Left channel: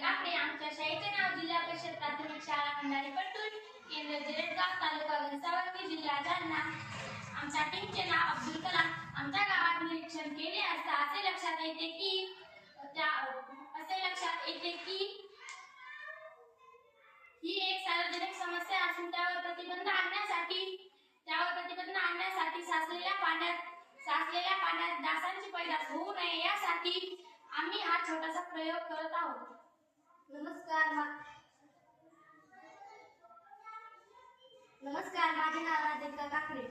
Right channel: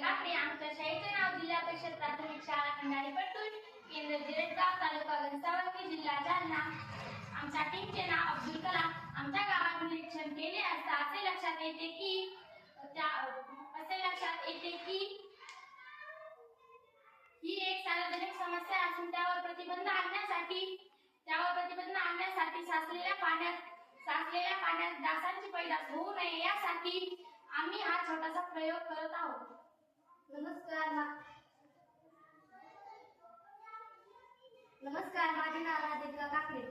काकडे. आमच्या शाळेचे नाव जिल्हा परिषद प्राथमिक शाळा खंडाळी पट्टूर, केंद्र जिरेगाव, तालुका घनसावंगी, जिल्हा जालना. आमच्या टीमचे नाव अब्दुल कलाम. आमच्या गावात निरीक्षण केले असता असे लक्षात येते की ही एक सार्वजनिक समस्या असून त्यावर प्रतिबंध आणण्यासाठी साचलेल्या पाण्यात डासांची पैदास होऊ नये यासाठी आम्ही हा छोटासा प्रयोग करत आहोत. नमस्कार, माझे नाव राधिका काकडे.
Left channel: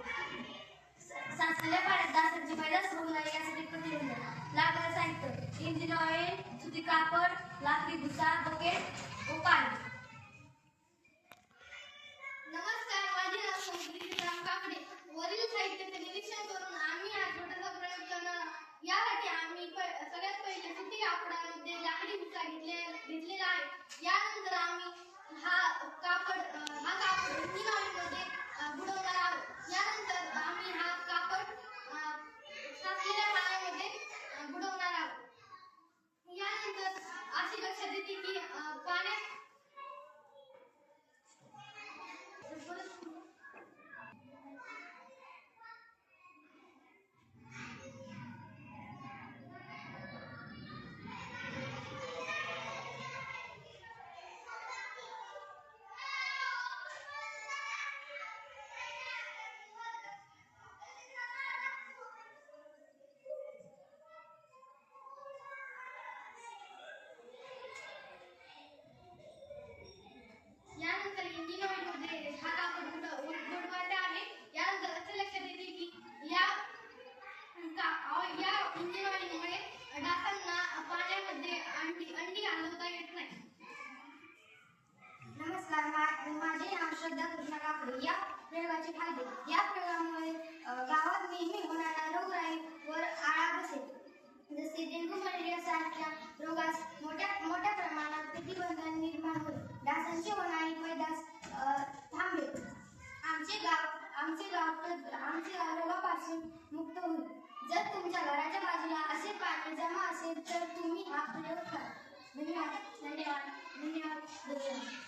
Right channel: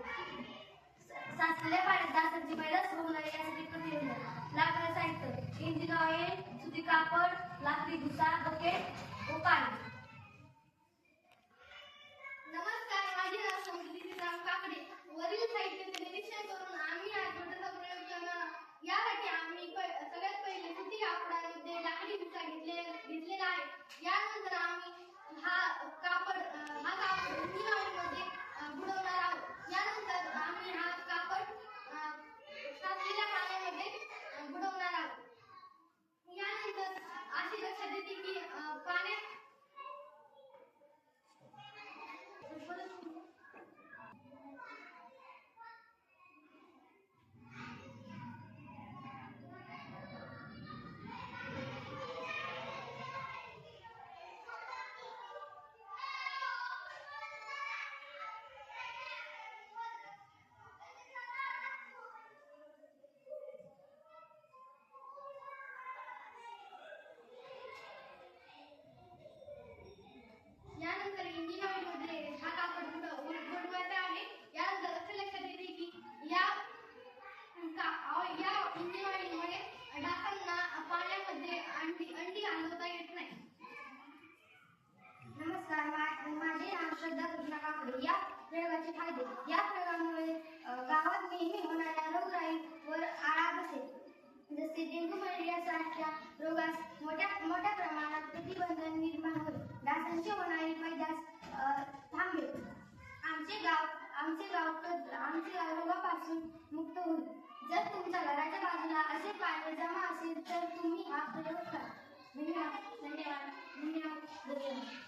साचलेल्या पाण्यात डासांची पैदास होऊ नये यासाठी प्रतिबंध. लागणारे साहित्य: इंजिन ऑइल, सुती कापड, लाकडी भुसा, बकेट व पाणी. नमस्कार, माझे नाव समुद्री राम काकडे. वरील साहित्याचे निरीक्षण करून आम्ही हा छोटासा प्रयोग करणार आहोत. यासाठी आम्ही सगळ्यात पहिले सुती कापडामध्ये लाकडी भुसा घेतलेला आहे. यानंतर आम्ही हा कापड इंजिन ऑइलमध्ये बुडवणार आहोत. यानंतर आम्ही हा कापड साचलेल्या पाण्यामध्ये बुडवणार आहोत. यानंतर अशी लक्षात येते की पाण्यात यानंतर इंजिन ऑइलमध्ये हा कापड बुडवायचा आहे. यानंतर असे लक्षात येते की या इंजिन ऑइलमुळे डासांना पाण्यामध्ये अंडी हलवता येत नाही. नमस्कार, माझे नाव श्रद्धा कृष्णा काकडे. या प्रयोगाचे फायदे: या प्रयोगामुळे गावात नेहमी होणाऱ्या रोगराईवर आळा बसेल, जसे डेंग्यू, मलेरिया सारख्या रोगास मोठ्या प्रमाणात प्रतिबंध निर्माण होईल. डासांची होणारी पैदास थांबेल. आमचे गाव रोगापासून मुक्त होईल. जर तुमच्या घराच्या बाजूला असे पाणी जमा असेल तर तुम्ही हा प्रयोग करा. धन्यवाद.